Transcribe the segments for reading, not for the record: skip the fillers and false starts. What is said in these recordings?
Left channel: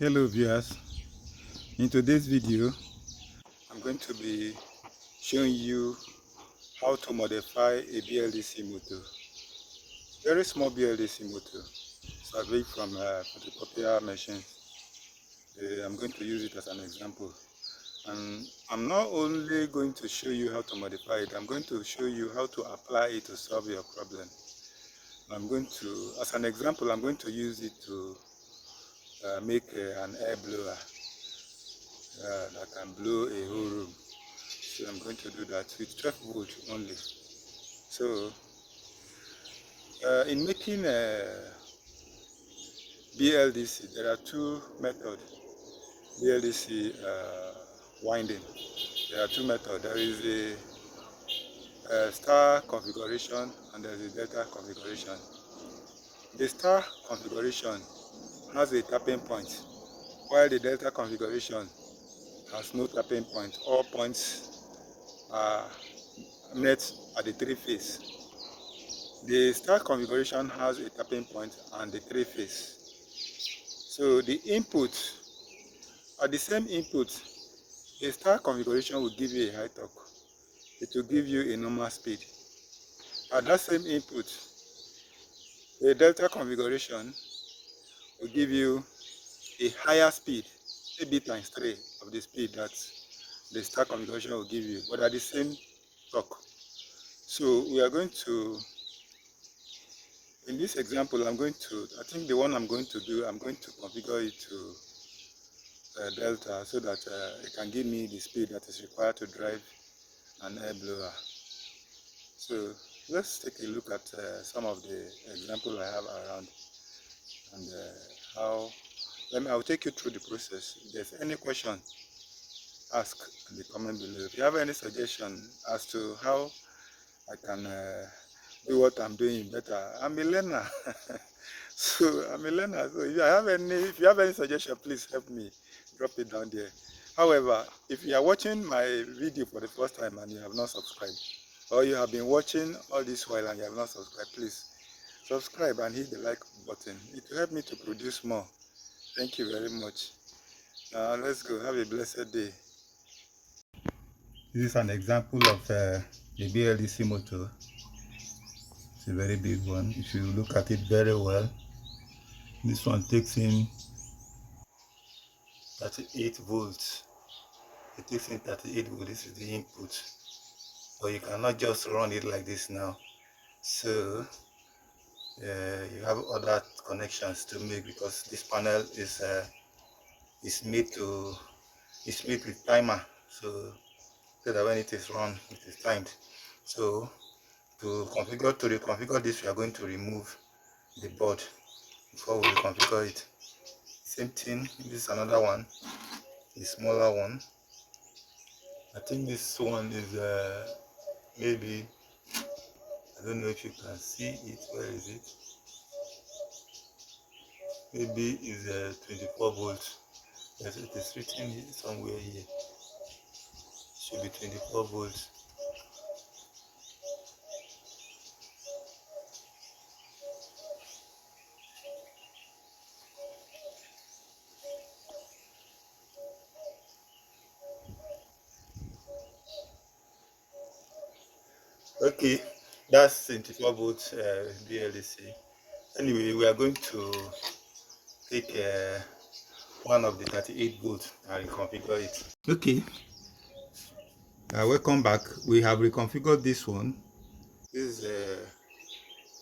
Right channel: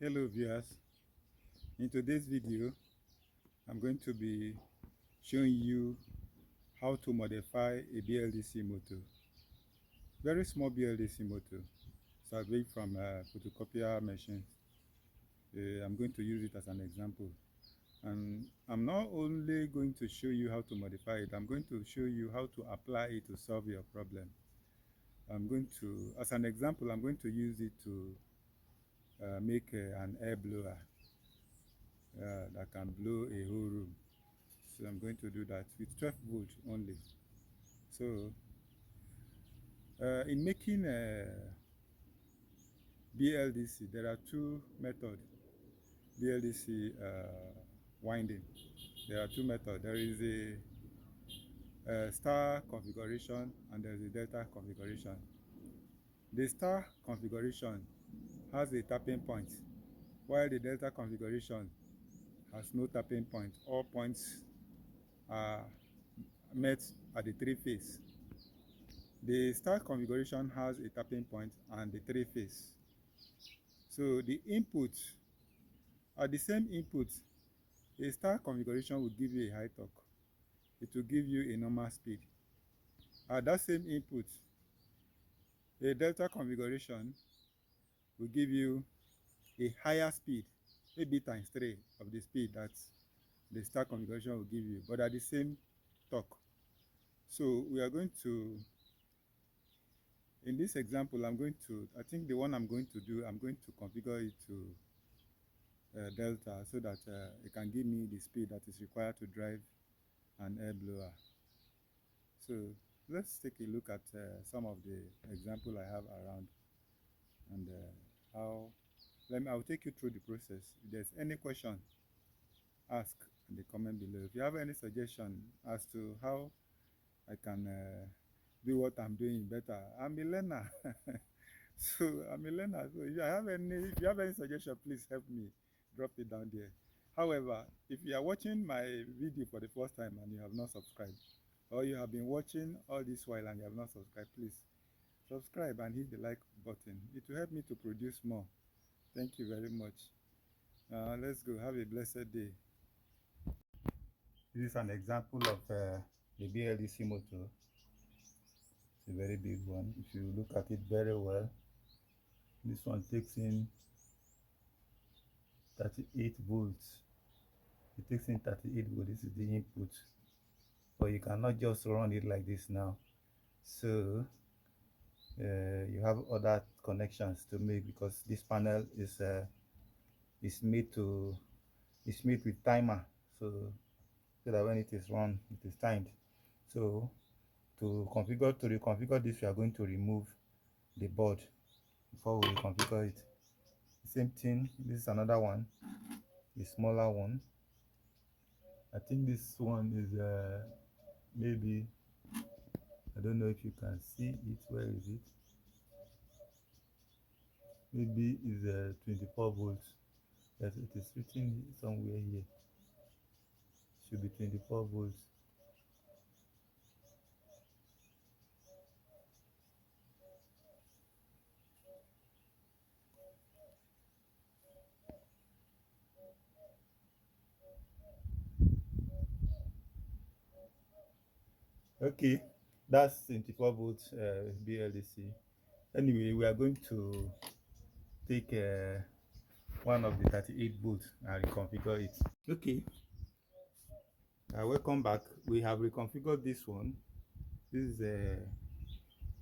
Hello viewers, in today's video I'm going to be showing you how to modify a BLDC motor. Very small BLDC motor, surveyed from photocopier machine. I'm going to use it as an example, and I'm not only going to show you how to modify it, I'm going to show you how to apply it to solve your problem. As an example, I'm going to use it to make an air blower that can blow a whole room. So I'm going to do that with 12 volts only. So in making a BLDC, there are two methods. BLDC winding. There are two methods. There is a star configuration and there is a delta configuration. The star configuration has a tapping point, while the delta configuration has no tapping point. All points are met at the three phase. The star configuration has a tapping point and the three phase. So the input, at the same input, a star configuration will give you a high torque. It will give you a normal speed. At that same input, a delta configuration will give you a higher speed, maybe times 3 of the speed that the star configuration will give you, but at the same torque. So we are going to, in this example, I think the one I'm going to do, I'm going to configure it to delta so that it can give me the speed that is required to drive an air blower. So let's take a look at some of the examples I have around, and I'll take you through the process. If there's any question, ask in the comment below. If you have any suggestion as to how I can do what I'm doing better, I'm a learner. So I'm a learner. So if you have any suggestion, please help me. Drop it down there. However, if you are watching my video for the first time and you have not subscribed, or you have been watching all this while and you have not subscribed, please subscribe and hit the like button. It will help me to produce more. Thank you very much. Now let's go. Have a blessed day. This is an example of the BLDC motor. It's a very big one. If you look at it very well, this one takes in 38 volts. It takes in 38 volts. This is the input. But you cannot just run it like this now. So you have other connections to make, because this panel is made with timer, so that when it is run, it is timed. So to reconfigure this, we are going to remove the board before we configure it. Same thing. This is another one, a smaller one. I think this one is maybe, I don't know if you can see it. Where is it? Maybe is 24 volts. Yes, it is written somewhere here. Should be 24 volts. Okay, that's 24 volts BLDC. Anyway, we are going to take one of the 38 volts and reconfigure it. Okay, welcome back. We have reconfigured this one. This is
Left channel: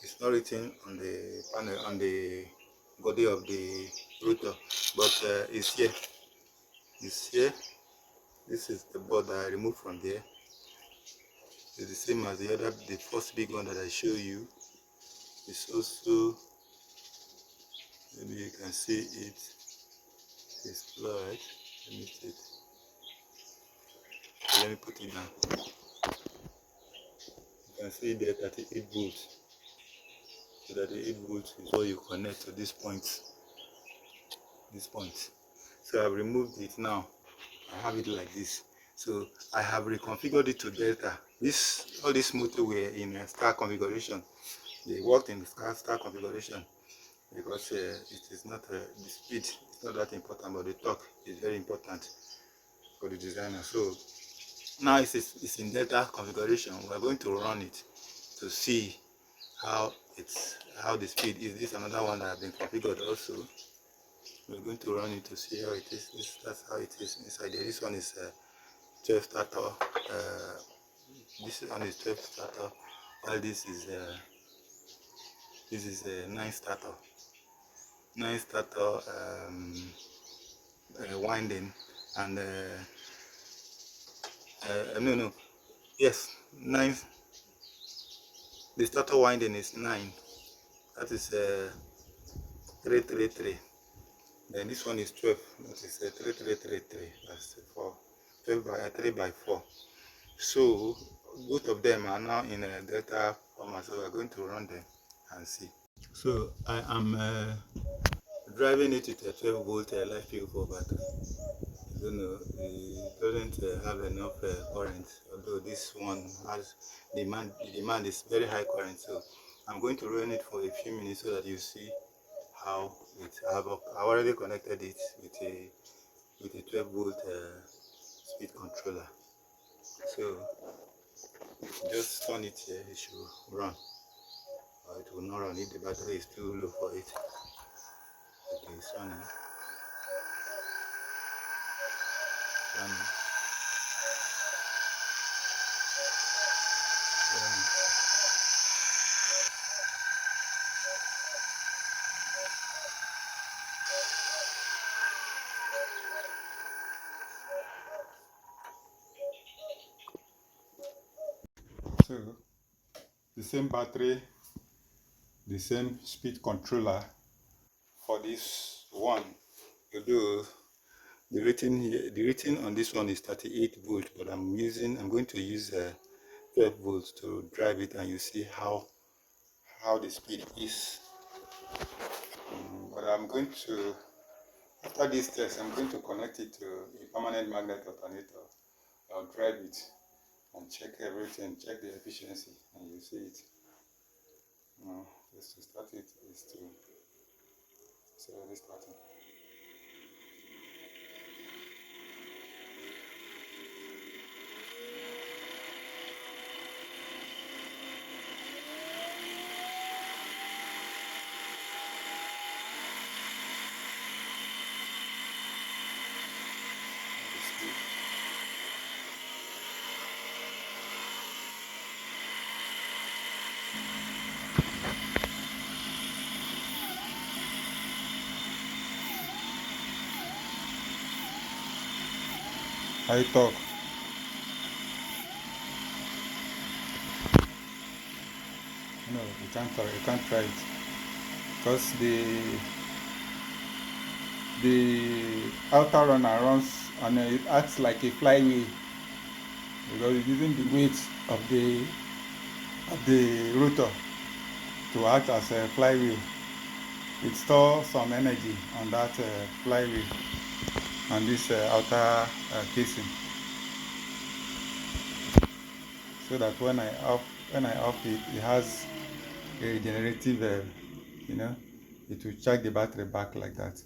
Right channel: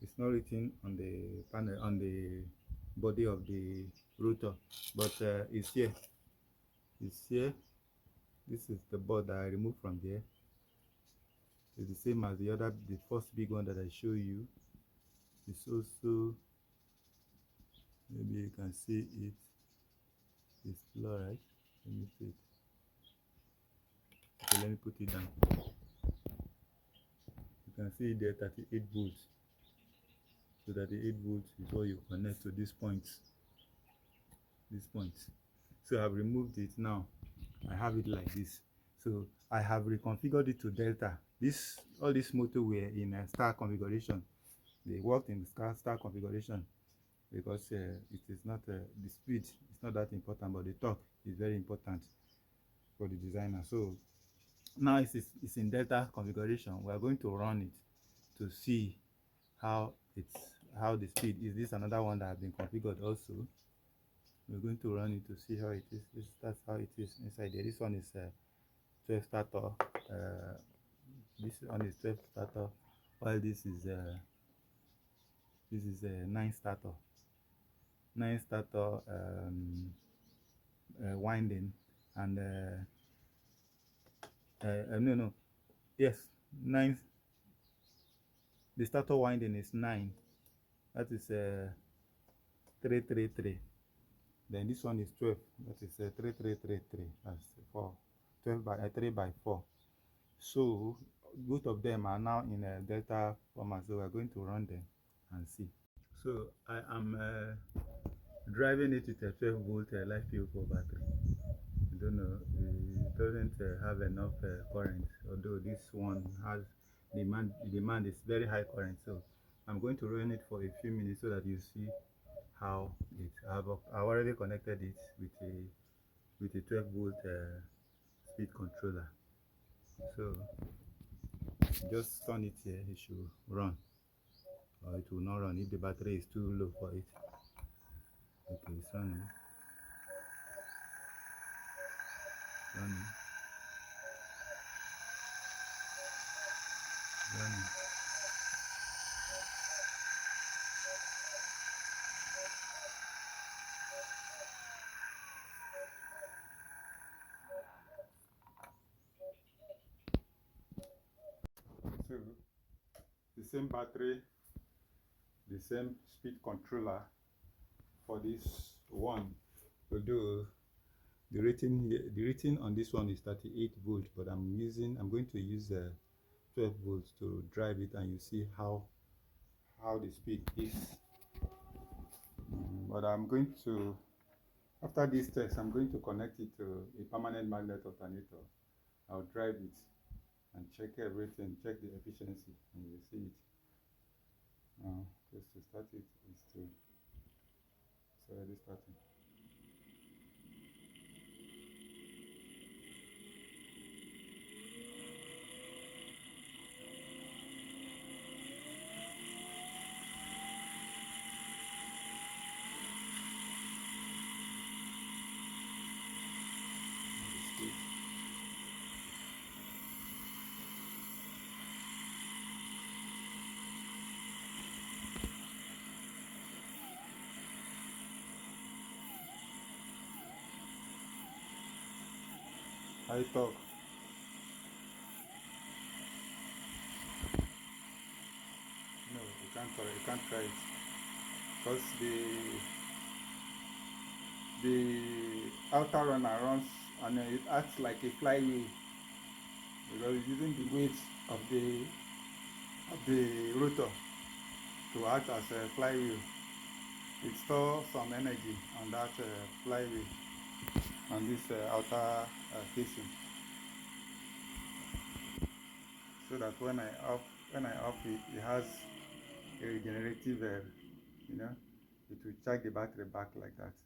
it's not written on the panel, on the body of the rotor, but it's here. It's here. This is the board that I removed from there. It's the same as the first big one that I show you. It's also, maybe you can see it. It's blurred. Let me see it. Okay, let me put it down. You can see there 38 volts. So 38 volts is what you connect to this point. This point. So I've removed it now. I have it like this. So I have reconfigured it to delta. All these motors were in a star configuration. They worked in the star configuration. because it is not the speed is not that important, but the torque is very important for the designer. So now it's in delta configuration. We are going to run it to see how the speed is. This is another one that has been configured also. We're going to run it to see how it is. That's how it is inside there. This one is 12 starter. This one is 12 starter, while this is a 9 starter. 9 starter winding, and no, yes, 9. The starter winding is 9. That is 333. Then this one is 12. That is 3333. That's 4. 12 by 3 by 4. So both of them are now in a delta format. So we're going to run them and see. So I am driving it with a 12 volt life vehicle battery. I don't know, it doesn't have enough current, although this one has demand. The demand is very high current, so I'm going to run it for a few minutes so that you see how it. I've already connected it with a 12 volt speed controller. So just turn it here, it should run, or it will not run if the battery is too low for it. Okay, it's running. Running. Running. So the same battery, the same speed controller for this one, although the rating on this one is 38 volt, but I'm going to use 12 volts to drive it, and you see how the speed is. But I'm going to, after this test, I'm going to connect it to a permanent magnet alternator. I'll drive it and check everything, check the efficiency, and you see it. Just to start it is to already starting. High torque. No, you can't try it because the outer runner runs and it acts like a flywheel because it's using the weight of the rotor to act as a flywheel. It stores some energy on that flywheel and this outer casing, so that when I off it, it has a regenerative, it will charge the battery back like that.